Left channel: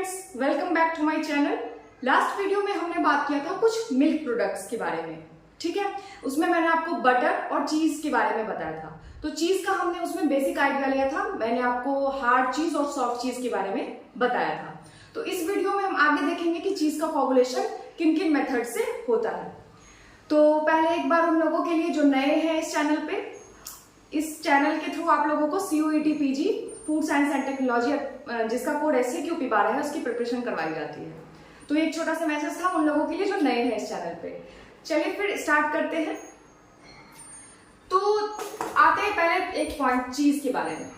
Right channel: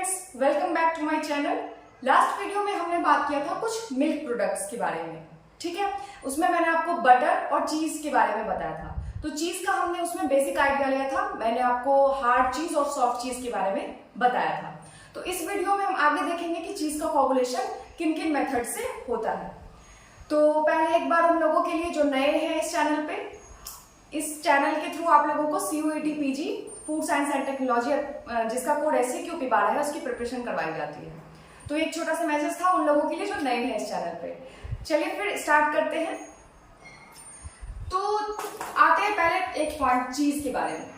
Friends, welcome back to my channel. Last video में हमने बात किया था कुछ मिल्क प्रोडक्ट्स के बारे में, ठीक है। उसमें मैंने आपको बटर और चीज के बारे में बताया था। तो चीज का हमने उसमें बेसिक आइडिया लिया था। मैंने आपको हार्ड चीज और सॉफ्ट चीज के बारे में बताया था। तो इस वीडियो में हम आगे देखेंगे कि चीज का कोगुलेशन किन किन मेथड से होता है। तो पहले एक बार उन लोगों के लिए जो नए हैं इस चैनल पे, इस चैनल के थ्रू आप लोगों को CUET PG food science and technology जिसका कोड SCQP12 है उसकी प्रिपरेशन करवाई जाती है। तो एक छोटा सा मैसेज था उन लोगों के लिए जो नए हैं इस चैनल पे। चलिए फिर स्टार्ट करते हैं। तो आते हैं पहले एक पॉइंट चीज के बारे में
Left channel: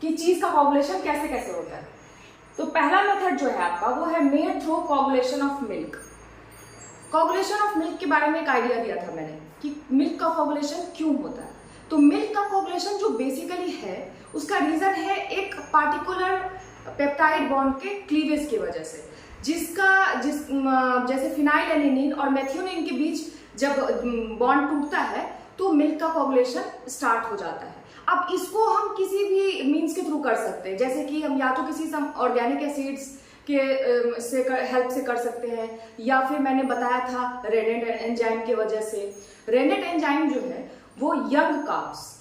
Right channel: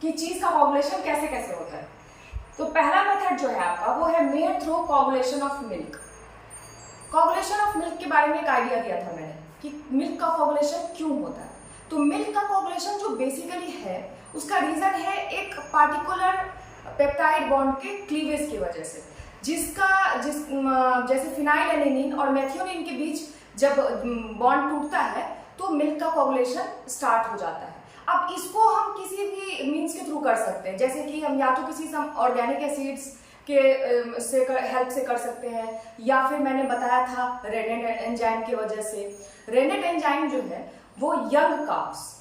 कि चीज का कोगुलेशन कैसे कैसे होता है। तो पहला मेथड जो है आपका वो है made through coagulation of milk. Coagulation of milk के बारे में एक आइडिया दिया था मैंने कि मिल्क का कोगुलेशन क्यों होता है। तो मिल्क का कोगुलेशन जो बेसिकली है उसका रीजन है एक पार्टिकुलर पेप्टाइड बॉन्ड के क्लीवेज की वजह से, जैसे फिनाइलएलेनिन और मेथियोनिन के बीच जब बॉन्ड टूटता है तो मिल्क का कोगुलेशन स्टार्ट हो जाता है। अब इसको हम किसी भी मीन्स के थ्रू कर सकते हैं, जैसे कि हम या तो किसी ऑर्गेनिक एसिड्स के हेल्प से कर सकते हैं, या फिर मैंने बताया था रेनेट एंजाइम की वजह से। रेनेट एंजाइम जो है वो यंग काउस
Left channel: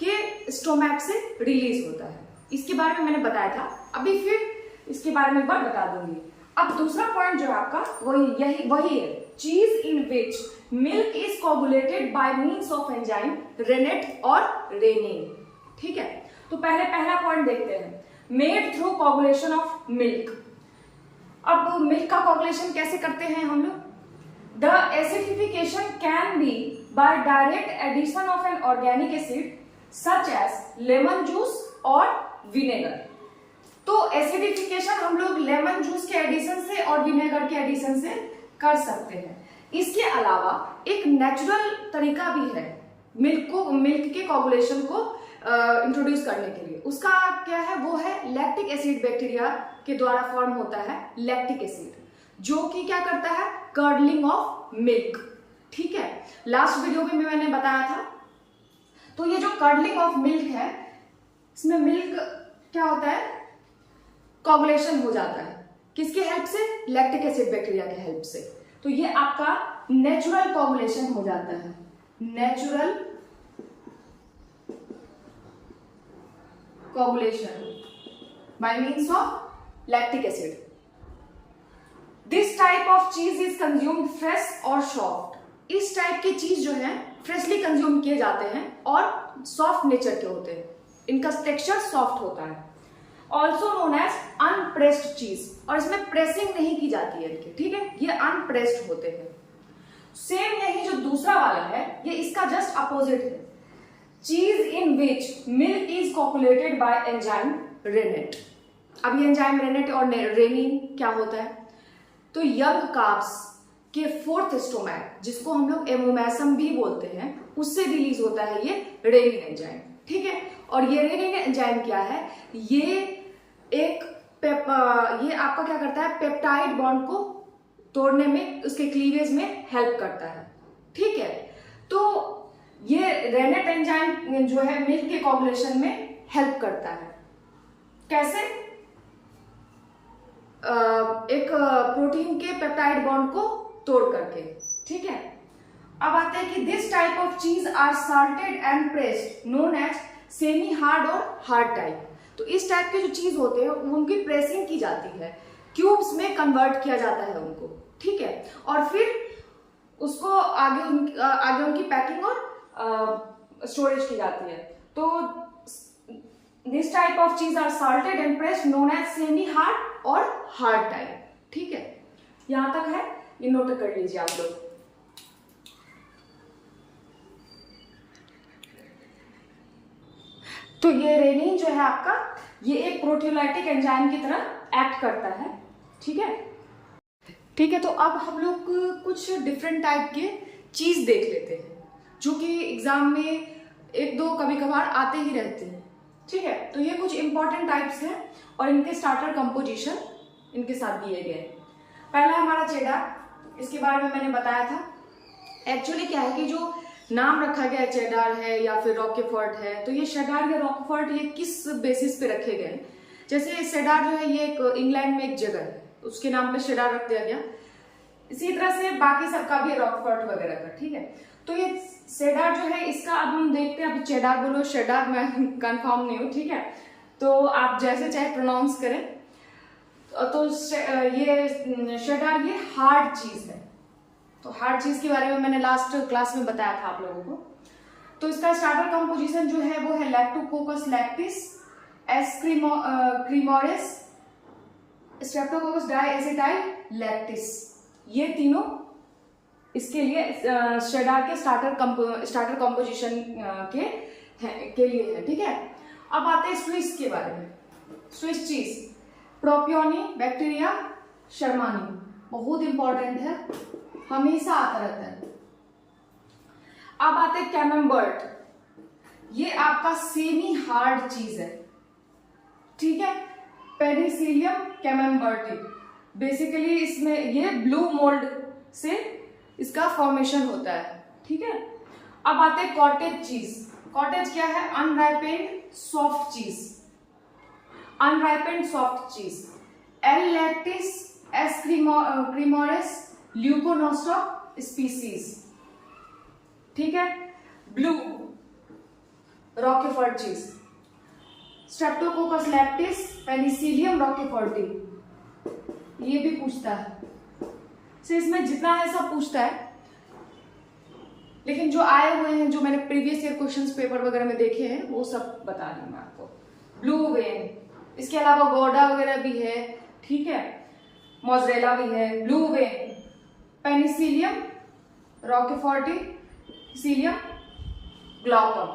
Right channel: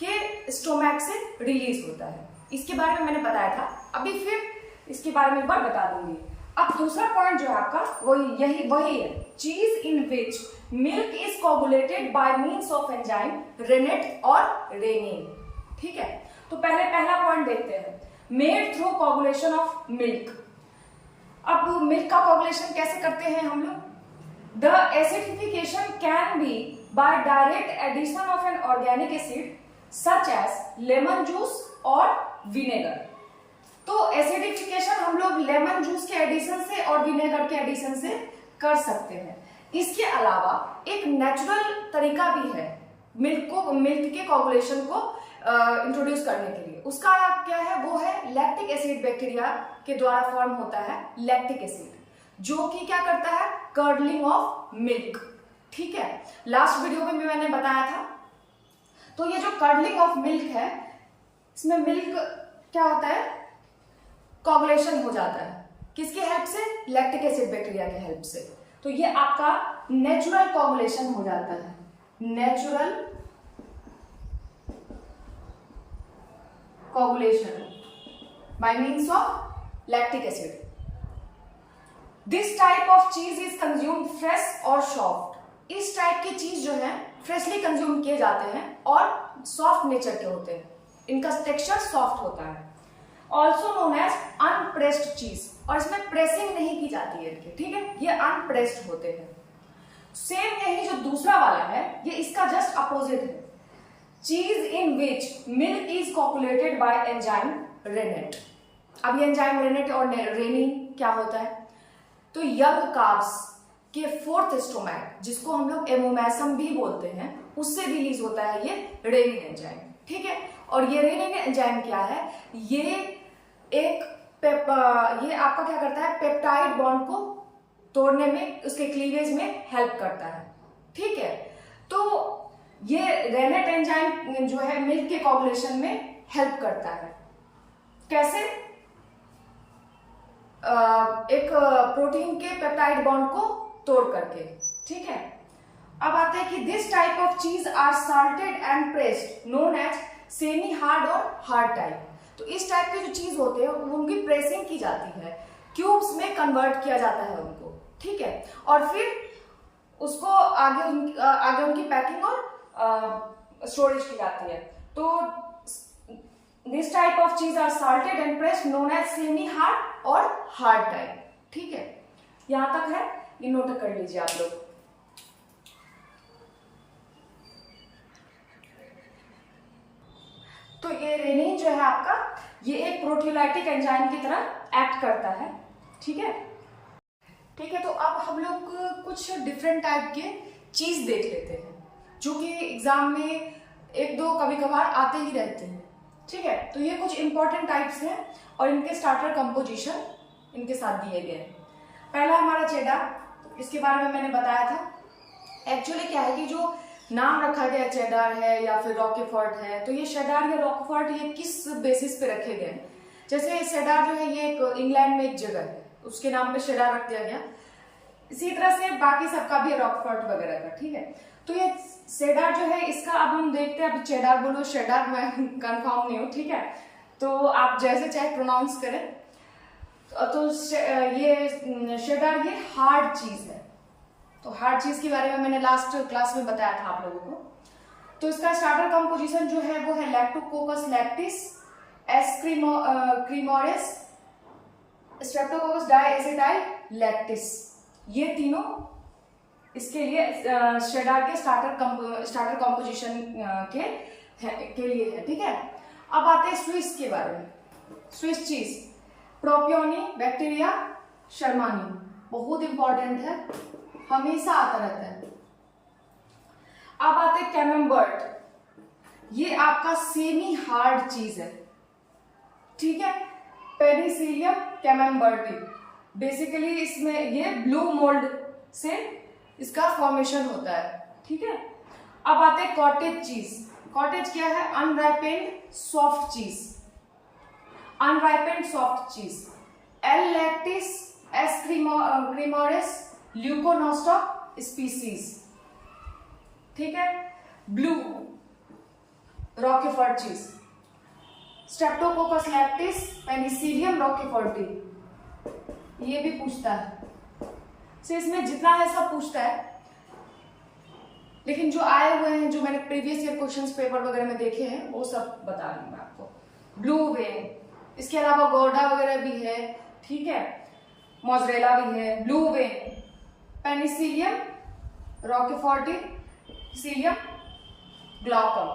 के स्टोमैक से रिलीज होता है। इसके बारे में मैंने बताया था, अभी फिर इसके बारे में एक बार बता दूंगी। अब दूसरा पॉइंट जो है आपका वही है cheese in which milk is coagulated by means of enzyme rennet और रेनिन, ठीक है। तो पहला पॉइंट देखते हैं, made through coagulation of milk. अब मिल्क का कोगुलेशन कैसे करते हैं हम लोग? The acidification can be by direct addition of an organic acid such as lemon juice और विनेगर। तो एसिडिफिकेशन हम लोग लेमन जूस के एडिशन से और विनेगर के एडिशन से कर सकते हैं। इसके अलावा एक नेचुरल तरीका भी है मिल्क के कोगुलेशन को इंट्रोड्यूस करने के लिए। उसका क्या है? वो है लैक्टिक एसिड बैक्टीरिया के द्वारा फॉर्म होता है लैक्टिक एसिड, जो कि क्या करता है? कर्डलिंग ऑफ मिल्क, ठीक है। लास्ट वीडियो में मैंने बताया था। तो ये जो कर्डलिंग ऑफ मिल्क है, इसमें मिल्क क्या होता है? कोगुलेशन हो जाता है। किसके हेल्प से? लैक्टिक एसिड बैक्टीरिया के हेल्प से। तो ये आपका नेचुरल कोगुलेशन हो जाता है, natural coagulation bye means of lactic acid. This type of चीज इज कंज्यूम्ड फ्रेश और सॉफ्ट। इस टाइप की चीज जो है फ्रेशली कंज्यूम किए जाते हैं और सॉफ्ट नेचर के होते हैं, इनका टेक्सचर सॉफ्ट होता है। ऑल्सो नोन एज अनप्रेस्ड चीज, और इसमें प्रेसिंग नहीं की जाती है इनके, ठीक है। ये अनप्रेस्ड होते हैं। सेम यही जो दूसरा वाला है ये इसका जस्ट अपोजिट है, cheese in which milk is coagulated by enzyme rennet. अब ये एंजाइम रेनेट और रेनिन क्या होता है? तो यंग कार्ब्स के फोर्थ स्टोमैक, जिसको हम लोग एमोमैसम भी बोलते हैं, उससे रिलीज होता है ये रेनिन एंजाइम, ठीक है। और ये रेनिन एंजाइम क्या है? ये आपका क्या करता है? पेप्टाइड बॉन्ड को तोड़ने में, उसके क्लीवेज में हेल्प करता है, ठीक है। तो ये रेनेट एंजाइम जो है मिल्क के कोगुलेशन में हेल्प करता है। कैसे? एक प्रोटीन के पेप्टाइड बॉन्ड को तोड़ करके, ठीक है। अब आते हैं कि this type of cheese are salted and pressed known as semi hard or hard type. तो इस टाइप के जो चीज होते हैं उनकी प्रेसिंग की जाती है, क्यूब्स में कन्वर्ट किया जाता है उनको, ठीक है। और फिर उसको आगे उनकी पैकिंग और स्टोरेज की जाती है। तो this type of cheese are salted and pressed known as semi hard or hard type, ठीक है। यहां तक है, ये नोट कर लीजिए आप लोग। तो ये रेनिन जो है आपका, ये एक प्रोटीयोलाइटिक एंजाइम की तरह एक्ट करता है, ठीक है। ठीक है, तो अब हम लोग कुछ डिफरेंट टाइप के चीज देख लेते हैं जो कि एग्जाम में एक दो कभी कभार आते ही रहते हैं, ठीक है। तो ये कुछ इंपॉर्टेंट टाइप्स हैं और इनके स्टार्टर कंपोजिशन इनके साथ दिए गए। पहला हमारा चेडार, इसके बारे में मैंने बताया था। एक्चुअली क्या है कि जो नाम रखा गया चेडार है या फिर रॉकेफोर्ट है, तो ये चेडार या रॉकेफोर्ट ये किस बेसिस पे रखे गए? जैसे सेडार जो है ये एक इंग्लैंड में एक जगह है, उसके नाम पे सेडार रख दिया गया। इसी तरह से बाकी सबका भी रॉकफोर्ट वगैरह का, ठीक है। तो ये सेडार जो है इसका अब हम देखते हैं, अभी चेडार बोलो शेडार, मैं कंफर्म नहीं हूँ, ठीक है। तो आप जैसे चाहे प्रोनाउंस करें। तो ये शेडार ये हार्ड चीज है। तो हार्ड चीज के बारे में मैंने लास्ट क्लास में बताया था आप लोगों को। तो इसका स्टार्टर कंपोजिशन जो है वो है Lactococcus lactis, cremoris, Streptococcus diacetyl lactis, ये तीनों इसके लिए शेडार के स्टार्टर कंपोजिशन के लिए है, ठीक है। अब आते हैं स्विस के बारे में। स्विस चीज प्रोपियोनी, बैक्टीरिया, शर्मानी, बहुत इंपॉर्टेंट है, हमेशा आता रहता है। अब आते हैं कैमेम्बर्ट, ये आपका सेमी हार्ड चीज है, ठीक है। पेनिसिलियम कैमेम्बर्टी, बेसिकली इसमें ये ब्लू मोल्ड से इसका फॉर्मेशन होता है, ठीक है। अब आते हैं कॉटेज चीज। कॉटेज क्या है? अनराइपेंड सॉफ्ट चीज, अनराइपेंड सॉफ्ट चीज। एल लैक्टिस, एस क्रीमोरेस, ल्यूकोनोस्टॉक स्पीसीज, ठीक है। ब्लू रॉकीफोर्ड चीज, स्ट्रेप्टोकोकस लैक्टिस, पेनिसिलियम रॉकीफोर्टी, ये भी पूछता है। तो इसमें जितना है सब पूछता है, लेकिन जो आए हुए हैं, जो मैंने प्रीवियस ईयर क्वेश्चंस पेपर वगैरह में देखे हैं, वो सब बता रही हूं मैं आपको। ब्लू वेन, इसके अलावा गौडा वगैरह भी है, ठीक है, मोजरेला भी है। Blue vein, Penicillium roqueforti, cillium glaucum,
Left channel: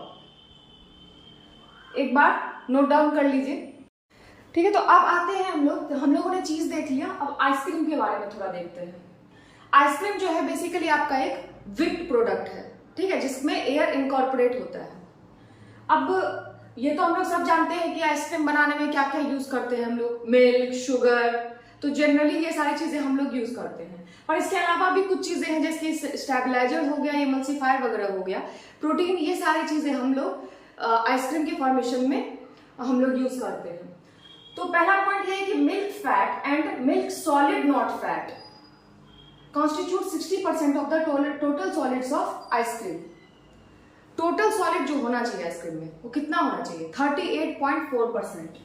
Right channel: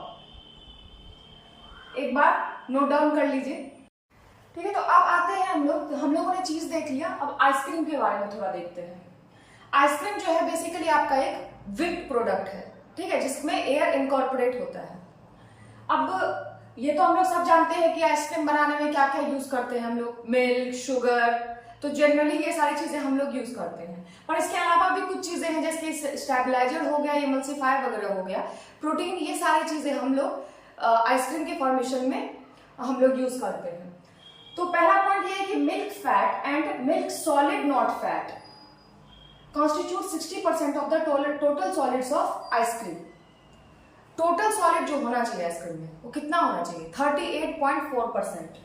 एक बार नोट डाउन कर लीजिए, ठीक है। तो अब आते हैं हम लोगों ने चीज देख लिया, अब आइसक्रीम के बारे में थोड़ा देखते हैं। आइसक्रीम जो है बेसिकली आपका एक विप्ड प्रोडक्ट है, ठीक है, जिसमें एयर इनकॉर्पोरेट होता है। अब ये तो हम लोग सब जानते हैं कि आइसक्रीम बनाने में क्या क्या यूज करते हैं हम लोग, मिल्क, शुगर, तो जनरली ये सारी चीजें हम लोग यूज करते हैं। पर इसके अलावा भी कुछ चीजें हैं, जैसे स्टेबलाइजर हो गया, इमल्सिफायर वगैरह हो गया, प्रोटीन, ये सारी चीजें हम लोग आइसक्रीम के फॉर्मेशन में हम लोग यूज करते हैं। तो पहला पॉइंट ये है कि milk fat and milk solid not fat constitute 60% of the total solids of ice cream. Total solid जो होना चाहिए आइसक्रीम में वो कितना होना चाहिए? 38.4%,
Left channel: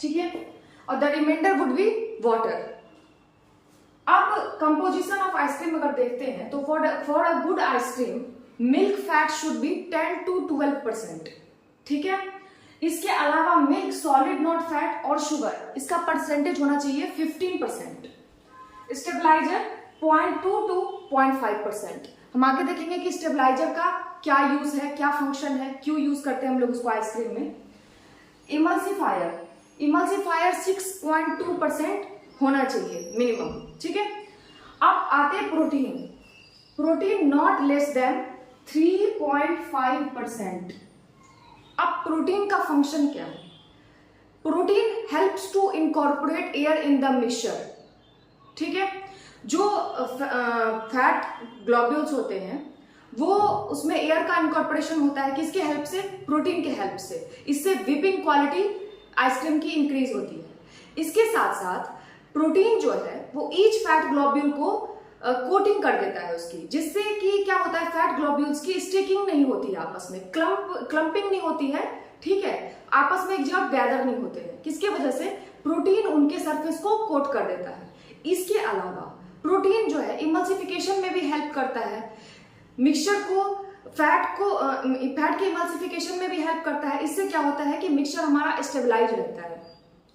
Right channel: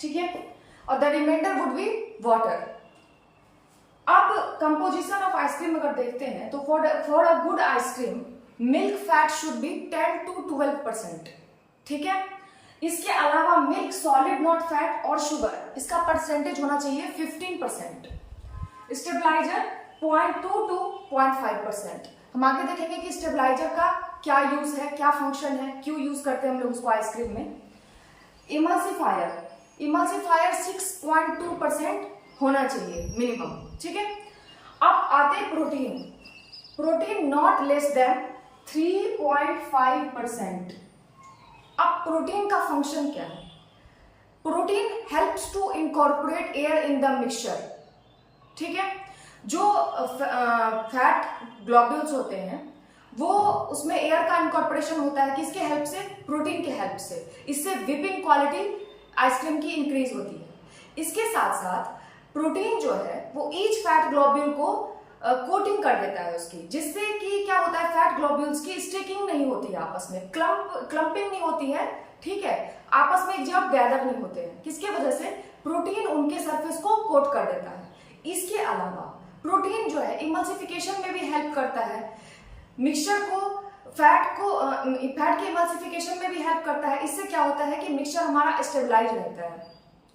ठीक है, और the remainder would be water. अब कंपोजिशन ऑफ आइसक्रीम अगर देखते हैं तो for a good ice cream milk fat should be 10 to 12%, ठीक है। इसके अलावा मिल्क सॉलिड नॉट फैट और शुगर, इसका परसेंटेज होना चाहिए 15%। Stabiliser 0.2 to 0.5%। हम आगे देखेंगे कि स्टेबलाइजर का क्या यूज है, क्या फंक्शन है, क्यों यूज करते हैं हम लोग उसको आइसक्रीम में। इमल्सिफायर 6.2% होना चाहिए मिनिमम, ठीक है। अब आते हैं प्रोटीन नॉट लेस देन 3.5%। अब प्रोटीन का फंक्शन क्या है? Protein helps to incorporate air in the mixture, ठीक है। जो फैट ग्लोब्यूल्स होते हैं वो उसमें एयर का इनकॉर्पोरेशन होता है, किसके हेल्प से? प्रोटीन के हेल्प से। इससे विपिंग क्वालिटी आइसक्रीम की इंक्रीज होती है। इसके साथ साथ प्रोटीन जो है वो ईच फैट ग्लोब्यूल को कोटिंग कर देता है उसकी, जिससे कि क्या होता है, फैट ग्लोब्यूल्स की स्टिकिंग नहीं होती है आपस में, क्लम्पिंग नहीं होती है, ठीक है, आपस में एक जगह गैदर नहीं होते हैं। किसके वजह से? प्रोटीन उनके सरफेस को कोट कर देता है। इसके अलावा प्रोटीन जो है इमल्सिफिकेशन में भी हेल्प करता है, मिक्सचर को फैट के इमल्सिफिकेशन में भी हेल्प करता है। इससे क्या होता है कि मिक्सचर हमारा स्टेबलाइज रहता है,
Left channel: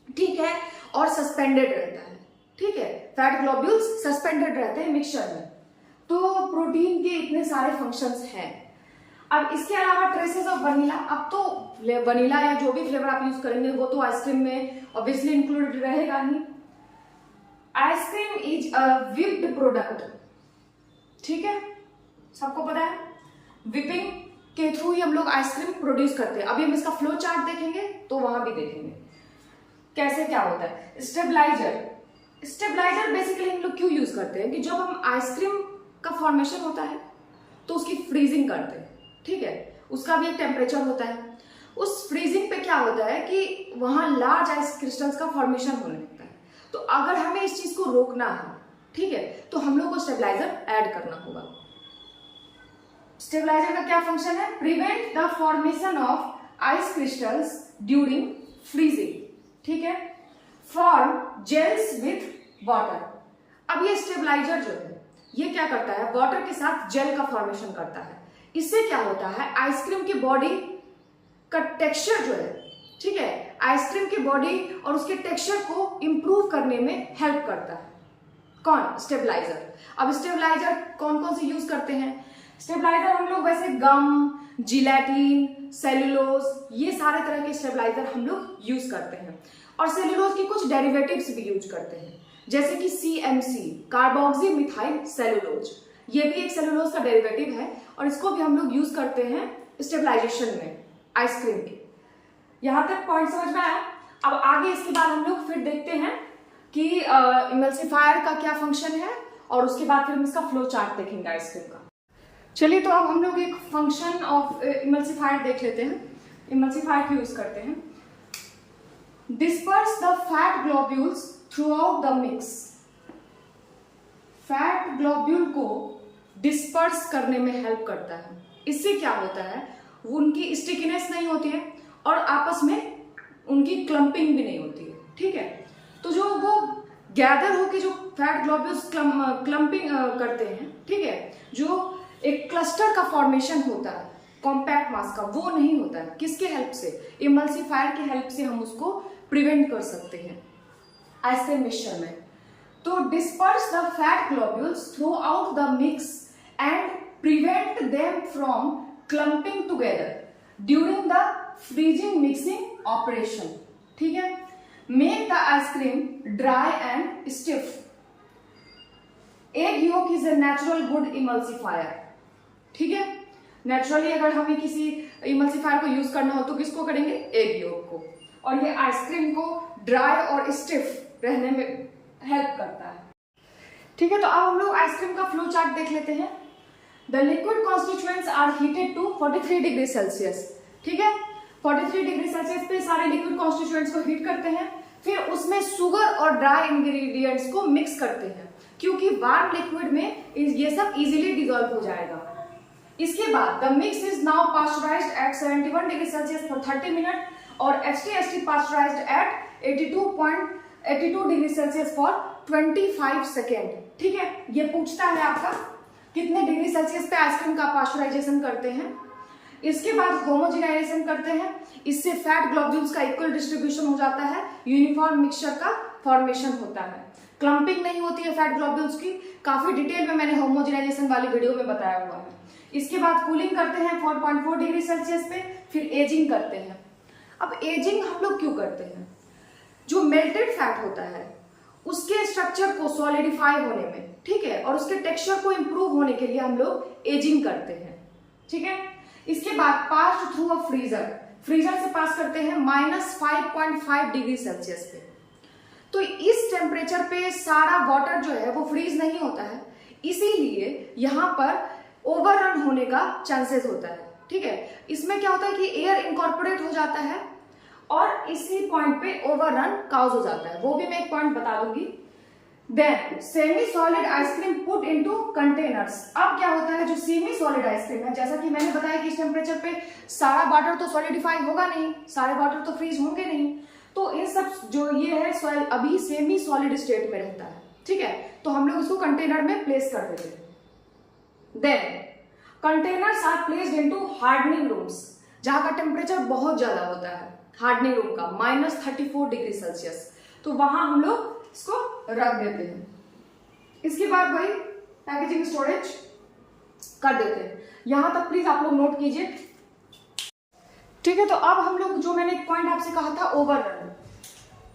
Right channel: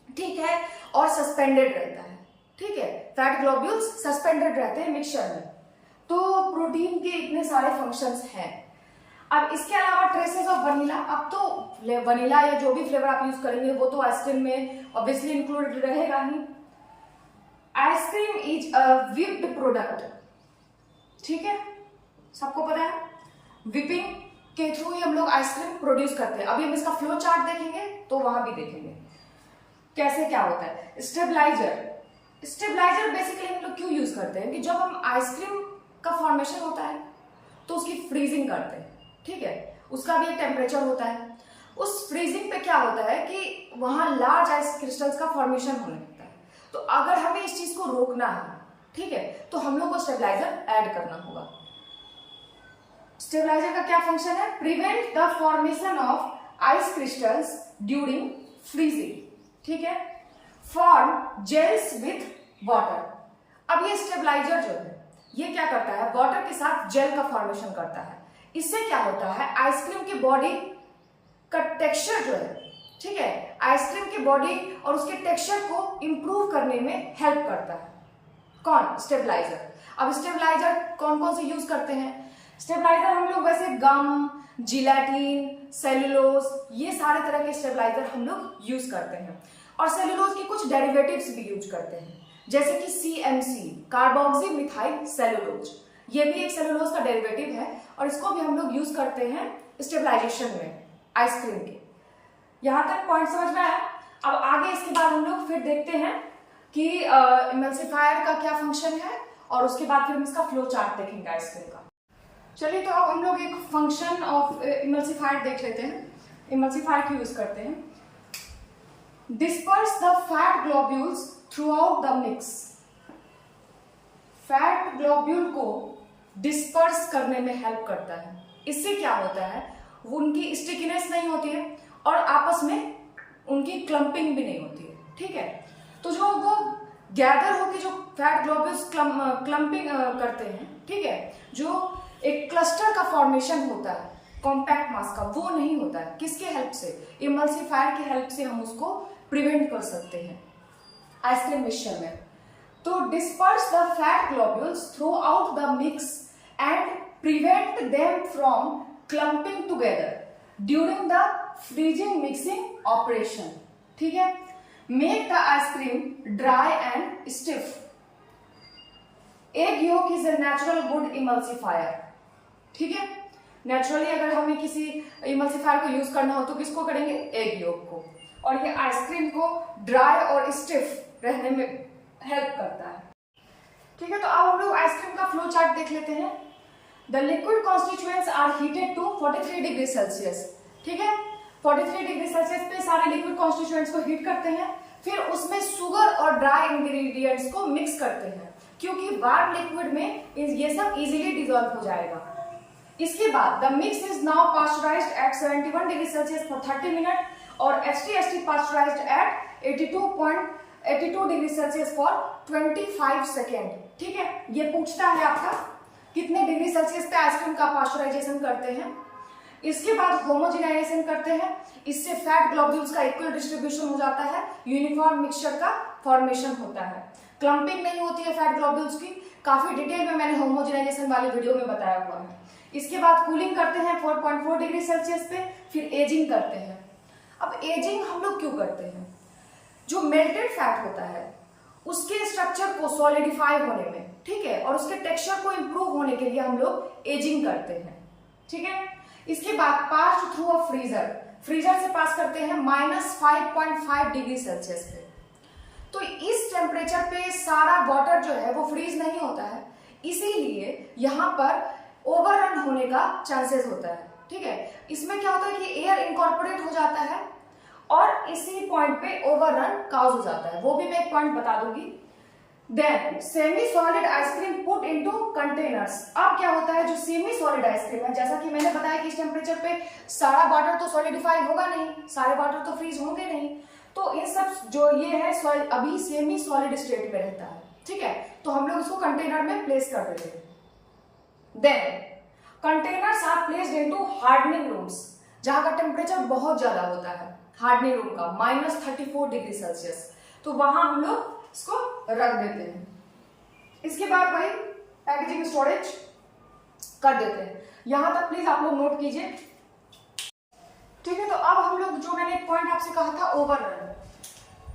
ठीक है, और सस्पेंडेड रहता है, ठीक है। फैट ग्लोब्यूल्स सस्पेंडेड रहते हैं मिक्सचर में। तो प्रोटीन के इतने सारे फंक्शंस हैं। अब इसके अलावा ट्रेसेस ऑफ वनीला, अब तो वनीला या जो भी फ्लेवर आप यूज करेंगे वो तो आइसक्रीम में ऑब्वियसली इंक्लूडेड रहेगा ही। Ice cream is a whipped product, ठीक है, सबको पता है विपिंग के थ्रू ही हम लोग आइसक्रीम प्रोड्यूस करते हैं। अभी हम इसका फ्लो चार्ट देखेंगे तो वहां भी देखेंगे कैसे क्या होता है। स्टेबलाइजर बेसिकली हम लोग क्यों यूज करते हैं कि जब हम आइसक्रीम का फॉर्मेशन होता है तो उसकी फ्रीजिंग करते हैं, ठीक है, उसका भी एक टेम्परेचर होता है। उस फ्रीजिंग पे क्या होता है कि वहां लार्ज आइस क्रिस्टल्स का फॉर्मेशन होने लगता है। तो अगर हमें इस चीज को रोकना है, ठीक है, तो हम लोग को स्टेबलाइजर ऐड करना होगा। स्टेबलाइजर का क्या फंक्शन है? Prevent the formation of ice crystals during freezing, ठीक है, फॉर्म जेल्स विथ वाटर। अब ये स्टेबलाइजर जो है ये क्या करता है? वाटर के साथ जेल का फॉर्मेशन करता है। इससे क्या होता है? आइसक्रीम की बॉडी का टेक्सचर जो है, ठीक है, आइसक्रीम की बॉडी और उसके टेक्सचर को इंप्रूव करने में हेल्प करता है। कौन? स्टेबलाइजर। अब स्टेबलाइजर कौन कौन से यूज करते हैं? स्टेबलाइजर हम लोग वैसे गम, जिलेटिन, सेलुलोज, ये सारे तरह के स्टेबलाइजर हम लोग यूज करते हैं। और सेलुलोज की कुछ डेरिवेटिव्स भी यूज करते हैं, जैसे कि CMC, कार्बोक्सी मिथाइल सेलुलोज, ये भी एक सेलुलोज का डेरिवेटिव है और इसको भी हम लोग यूज करते हैं स्टेबलाइजेशन में आइसक्रीम के। यहां तक पॉइंट समझ में आया? अब आगे इसके बाद हम लोग फिर देखते हैं कि इमल्सिफायर का क्या फंक्शन है और उसके बाद फिर हम इसका फ्लो चार्ट देखेंगे आइसक्रीम का। चलिए, तो अब हम लोग एक फंक्शन ऑफ इमल्सिफायर देख लेते हैं। इमल्सिफायर क्यों यूज करते हैं? Disperse the fat globules through out the mix. Fat globule को डिस्पर्स करने में हेल्प करता है। इससे क्या होता है? वो उनकी स्टिकीनेस नहीं होती है और आपस में उनकी क्लम्पिंग भी नहीं होती है, ठीक है। तो जो वो गैदर होके जो फैट ग्लोब्यूल्स क्लम्पिंग करते हैं, ठीक है, जो एक क्लस्टर का फॉर्मेशन होता है कॉम्पैक्ट मास का, वो नहीं होता है। किसके हेल्प से? इमल्सिफायर की हेल्प से हम उसको प्रिवेंट कर सकते हैं आइसक्रीम मिक्सचर में। तो disperse the fat globules through out the mix and prevent them from clumping together during the freezing mixing operation, ठीक है। Make the ice cream dry and stiff. Egg yolk is a natural good emulsifier, ठीक है। Naturally अगर हमें किसी emulsifier को use करना हो तो किसको करेंगे? एग योक को। और ये आइसक्रीम को ड्राई और स्टिफ रहने में हेल्प करता है, ठीक है। तो अब हम लोग आइसक्रीम का फ्लो चार्ट देख लेते हैं। The liquid constituents are heated to 43 degree Celsius, ठीक है। 43 डिग्री सेल्सियस पे सारे लिक्विड कॉन्स्टिट्यूएंट्स को हीट करते हैं, फिर उसमें शुगर और ड्राई इंग्रेडिएंट्स को मिक्स करते हैं, क्योंकि वार्म लिक्विड में ये सब इजीली डिजोल्व हो जाएगा। इसके बाद the mix is now pasteurised at 71 degree Celsius for 30 minute और HTST pasteurised at 82 degree Celsius for 25 second, ठीक है। ये पूछता है आपका कितने डिग्री सेल्सियस पे आइसक्रीम का पास्चराइजेशन करते हैं। इसके बाद होमोजेनाइजेशन करते हैं, इससे फैट ग्लोब्यूल्स का इक्वल डिस्ट्रीब्यूशन हो जाता है, यूनिफॉर्म मिक्सचर का फॉर्मेशन होता है, क्लम्पिंग नहीं होती है फैट ग्लोब्यूल्स की। काफी डिटेल में मैंने होमोजेनाइजेशन वाली वीडियो में बताया हुआ है। इसके बाद कूलिंग करते हैं 4.4 डिग्री सेल्सियस पे, फिर एजिंग करते हैं। अब एजिंग हम लोग क्यों करते हैं? जो मेल्टेड फैट होता है उसके स्ट्रक्चर को सॉलिडिफाई होने में, ठीक है, और उसके टेक्सचर को इंप्रूव होने के लिए हम लोग एजिंग करते हैं, ठीक है। इसके बाद pass through a freezer, freezer से पास करते हैं -5.5 डिग्री सेल्सियस पे। तो इस टेम्परेचर पे सारा वाटर जो है वो फ्रीज नहीं होता है, इसीलिए यहां पर ओवररन होने का चांसेस होता है, ठीक है। इसमें क्या होता है कि एयर इनकॉर्पोरेट हो जाता है और इसी पॉइंट पे ओवररन काउज हो जाता है, वो भी मैं एक पॉइंट बता दूंगी। Then semi solid ice cream put into containers. अब क्या होता है, जो सेमी सॉलिड आइसक्रीम है, जैसा कि मैंने बताया कि इस टेम्परेचर पे सारा वाटर तो सॉलिडिफाई होगा नहीं, सारे वाटर तो फ्रीज होंगे नहीं, तो इन सब जो ये है अभी सेमी सॉलिड स्टेट में रहता है, ठीक है। तो हम लोग इसको कंटेनर में प्लेस कर देते हैं। Then containers are placed into hardening rooms, जहां का टेम्परेचर बहुत ज्यादा होता है, हार्डनिंग रूम का -34 डिग्री सेल्सियस, तो वहां हम लोग इसको रख देते हैं। इसके बाद भाई पैकेजिंग स्टोरेज कर देते हैं। यहां तक प्लीज आप लोग नोट कीजिए, ठीक है। तो अब हम लोग जो मैंने एक पॉइंट आपसे कहा था ओवररन,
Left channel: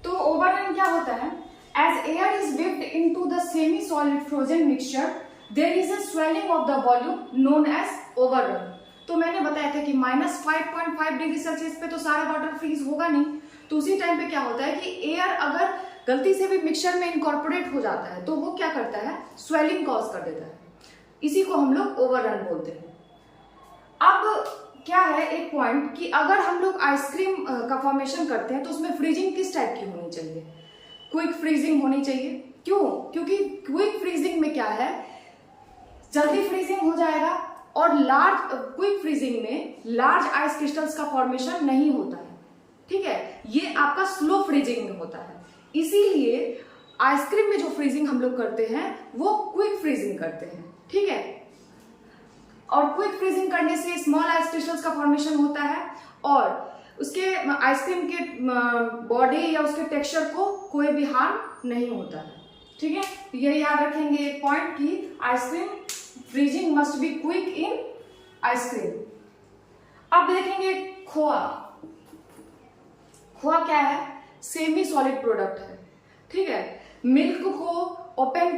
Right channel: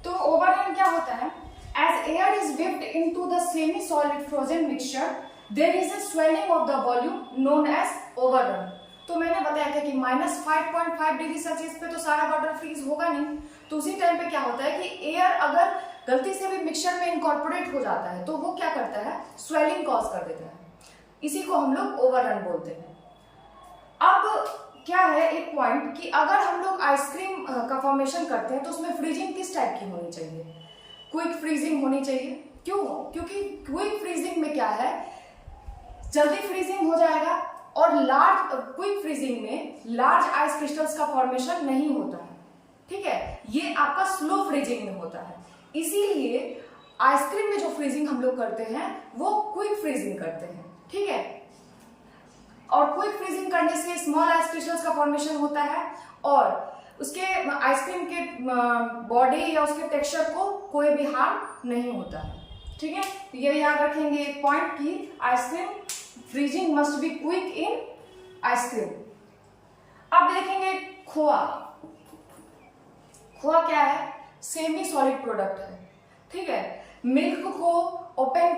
तो ओवररन क्या होता है? As air is whipped into the semi solid frozen mixture there is a swelling of the volume known as overrun। तो मैंने बताया था कि -5.5 डिग्री सेल्सियस पे तो सारा वाटर फ्रीज होगा नहीं, तो उसी टाइम पे क्या होता है कि एयर अगर गलती से भी मिक्सचर में इनकॉर्पोरेट हो जाता है तो वो क्या करता है? स्वेलिंग कॉज कर देता है, इसी को हम लोग ओवररन बोलते हैं। अब क्या है एक पॉइंट कि अगर हम लोग आइसक्रीम का फॉर्मेशन करते हैं तो उसमें फ्रीजिंग किस टाइप की होनी चाहिए? क्विक फ्रीजिंग होनी चाहिए। क्यों? क्योंकि क्विक फ्रीजिंग में क्या है, जल्दी फ्रीजिंग हो जाएगा और क्विक फ्रीजिंग में लार्ज आइस क्रिस्टल्स का फॉर्मेशन नहीं होता है। ठीक है, ये आपका स्लो फ्रीजिंग में होता है। इसीलिए आइसक्रीम में जो फ्रीजिंग हम लोग करते हैं वो क्विक फ्रीजिंग करते हैं। ठीक है, और क्विक फ्रीजिंग करने से स्मॉल आइस क्रिस्टल्स का फॉर्मेशन होता है और उसके आइसक्रीम के बॉडी या उसके टेक्सचर को कोई भी हार्म नहीं होता है। ठीक है, तो ये याद रखेंगे एक पॉइंट कि ice cream freezing must be quick in ice cream. अब देखेंगे खोआ। खोआ क्या है? सेमी सॉलिड प्रोडक्ट है। ठीक है, मिल्क को ओपन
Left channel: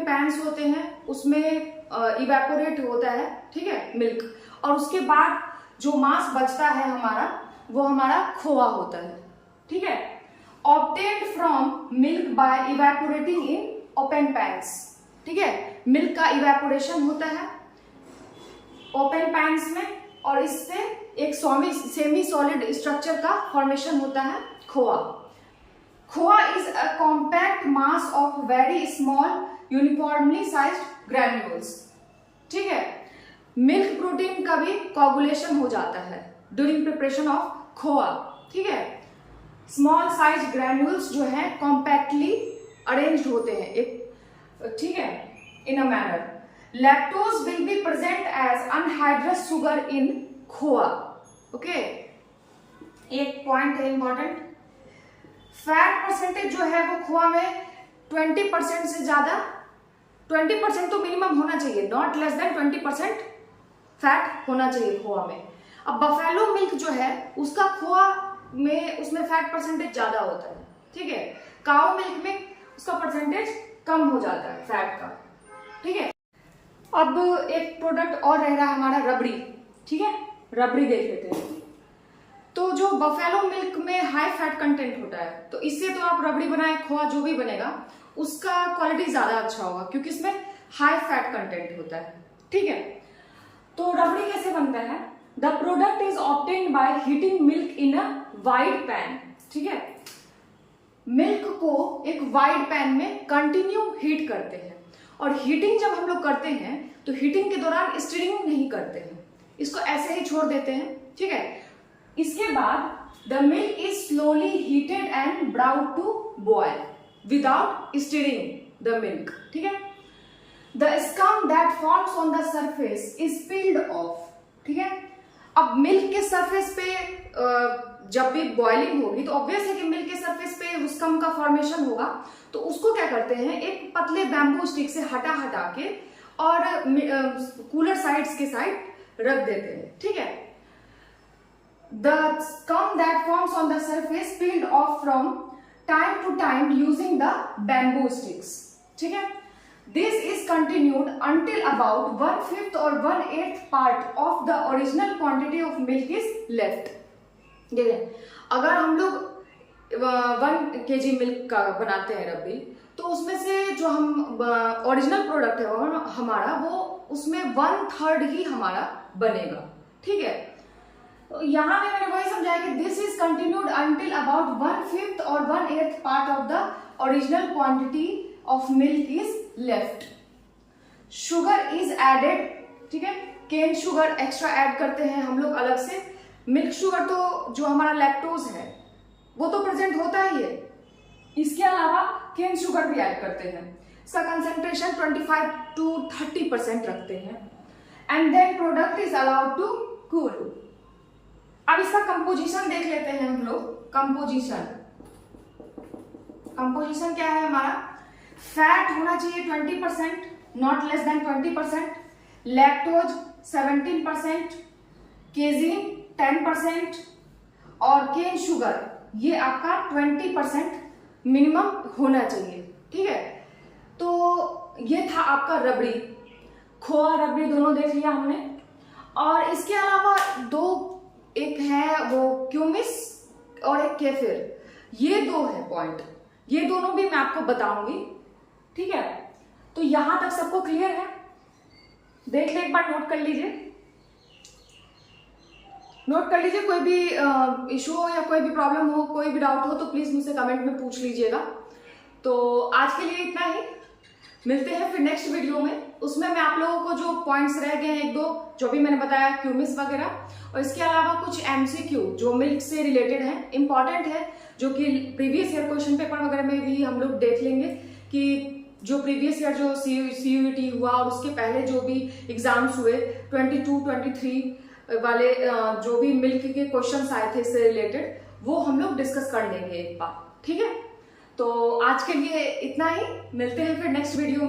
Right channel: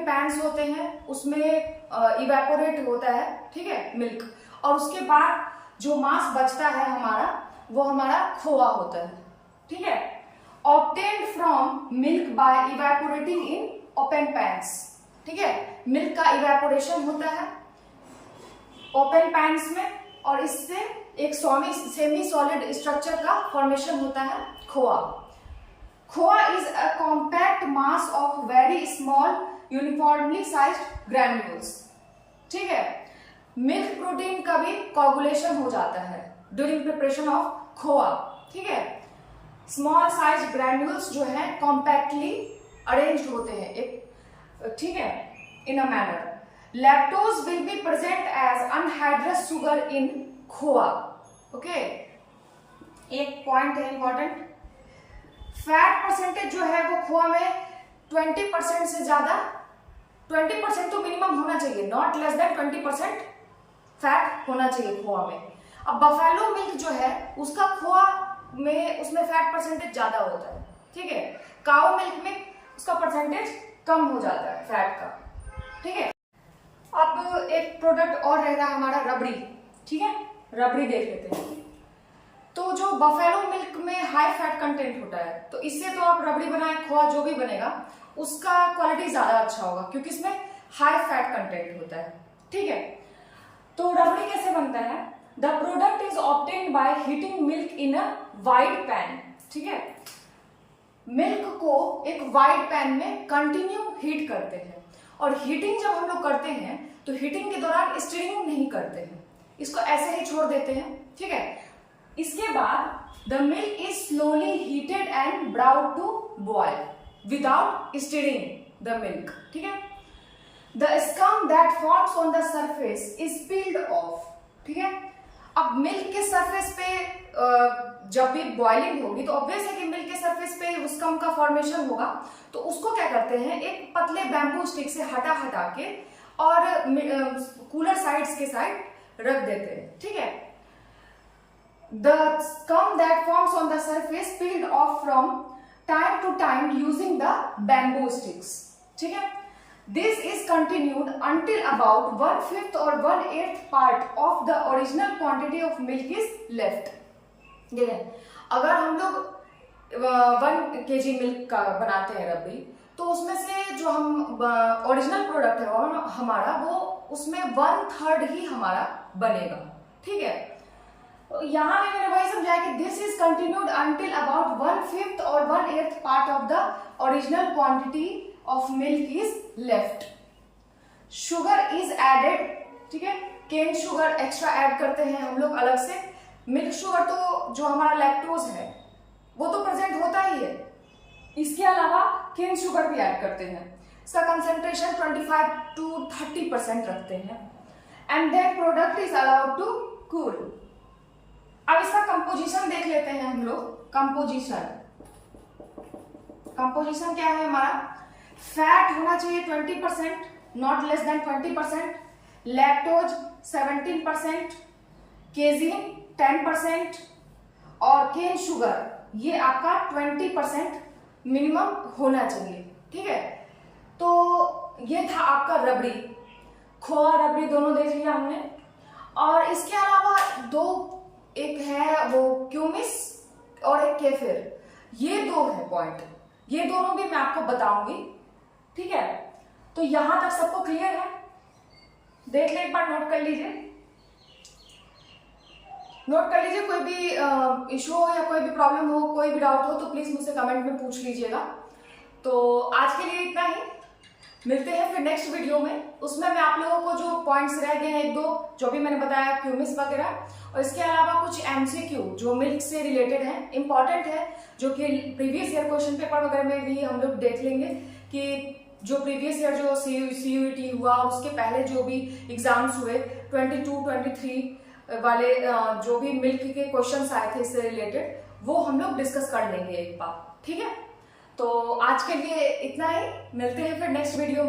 पैन्स होते हैं, उसमें इवेपोरेट होता है। ठीक है, मिल्क, और उसके बाद जो मास बचता है हमारा, वो हमारा खोआ होता है। ठीक है, obtained from milk bye evaporating in open pans. ठीक है, मिल्क का इवेपोरेशन होता है ओपन पैन्स में और इससे एक सेमी सॉलिड स्ट्रक्चर का फॉर्मेशन होता है khoa. Khoa is a compact mass of very small uniformly sized granules. ठीक है, मिल्क प्रोटीन का भी कोगुलेशन हो जाता है ड्यूरिंग प्रिपरेशन ऑफ खोआ। ठीक है, स्मॉल साइज ग्रैन्यूल्स जो है कॉम्पैक्टली अरेंज्ड होते हैं एक, ठीक है, in a manner. Lactose will be present as anhydrous sugar in khoa. Okay, एक पॉइंट है इंपॉर्टेंट, फैट परसेंटेज जो है वो खोआ में 20% से ज्यादा, 20% तो मिनिमम होना चाहिए, नॉट लेस देन 20% फैट होना चाहिए खोआ में। अब बफेलो मिल्क जो है उसका खोआ में उसमें फैट परसेंटेज ज्यादा होता है। ठीक है, काऊ मिल्क में उसका परसेंटेज कम हो जाता है फैट का। ठीक है, अब एक प्रोडक्ट और रहेगा हमारा रबड़ी। ठीक है, रबड़ी देख लेते हैं। तो जो बफेलो मिल्क में हाई फैट कंटेंट होता है, तो इससे तो आप रबड़ी बनाए, खोआ जो भी बनेगा उसका क्वालिटी ज्यादा अच्छा होगा क्योंकि इसमें हाई फैट कंटेंट होता है। ठीक है, तो रबड़ी कैसे बनता है? The product is obtained by heating milk in a wide pan. ठीक है, मिल्क को एक वाइड पैन में कंटिन्यू हीट करते हैं और हीटिंग जब हम लोग करते हैं तो हीटिंग के दौरान स्टीरिंग नहीं करते हैं, इसको ऐसे ही छोड़ देते हैं। ठीक है, इसके बाद the milk is slowly heated and brought to boil without stirring the milk. ठीक है, the scum that forms on the surface is peeled off. ठीक है, अब मिल्क के सरफेस पे जब भी बॉइलिंग होगी तो ऑब्वियस है कि मिल्क के सरफेस पे स्कम का फॉर्मेशन होगा, तो उसको क्या करते हैं, एक पतले बैम्बू स्टिक से हटा के और कूलर साइड्स के साइड रख देते हैं। ठीक है, the scum that forms on the surface peeled off from time to time using the bamboo sticks. ठीक है, this is continued until about 1/5 or 1/8 part of the original quantity of milk is left. ठीक है, अगर हम लोग 1 kg milk का बनाते हैं रबड़ी, तो उसमें से जो हम ओरिजिनल प्रोडक्ट है वो हमारा, वो उसमें 1/3 ही हमारा बनेगा। ठीक है, यहां भी मैंने वही समझाया कि this is continued until about 1/5 or 1/8 part of the original quantity of milk is left. Sugar is added. ठीक है, केन शुगर एक्स्ट्रा ऐड करते हैं हम लोग अलग से। मिल्क शुगर तो जो हमारा लैक्टोज है वो तो प्रेजेंट होता ही है, इसके अलावा केन शुगर भी ऐड करते हैं। इसका कंसेंट्रेशन 25 to 30% रखते हैं and then product is allowed to cool. अब इसका कंपोजिशन देख लेते हैं हम लोग। कंपोजिशन क्या है हमारा? फैट होना चाहिए 20%, नॉट लेस देन 20%, लैक्टोज 17%, केजीन 10% और केन शुगर ये आपका 20% मिनिमम होना चाहिए। ठीक है, तो ये था आपका रबड़ी, खोआ रबड़ी दोनों देख लिया हमने। और इसके अलावा एक है वो क्यूमिस और एक केफिर, ये 2 है पॉइंट, ये दोनों भी मैं आपको बताऊंगी। ठीक है, तो यहां तक सबको क्लियर है? देख ले एक बार, नोट कर लीजिए। नोट कर लीजिए। कोई भी इशू हो या कोई भी प्रॉब्लम हो, कोई भी डाउट हो तो प्लीज मुझसे कमेंट में पूछ लीजिएगा। तो आज के लिए इतना ही, मिलते हैं फिर नेक्स्ट वीडियो में। उसमें मैं आप लोगों को जो पॉइंट्स रह गए हैं, एक दो जो भी मैंने बताया, क्यूमिस वगैरह, और इसके अलावा कुछ एमसीक्यू जो मिल्क से रिलेटेड है, इंपॉर्टेंट है, जो कि प्रीवियस ईयर क्वेश्चन पेपर वगैरह में भी हम लोग देख लेंगे कि जो प्रीवियस ईयर जो सीयूईटी हुआ और उसके पहले जो भी एग्जाम्स हुए 22-23 वाले जो भी मिल्क के क्वेश्चंस आए थे इससे रिलेटेड, वो हम लोग डिस्कस कर लेंगे एक बार, ठीक है। तो आज के लिए इतना ही, मिलते हैं फिर नेक्स्ट वीडियो में।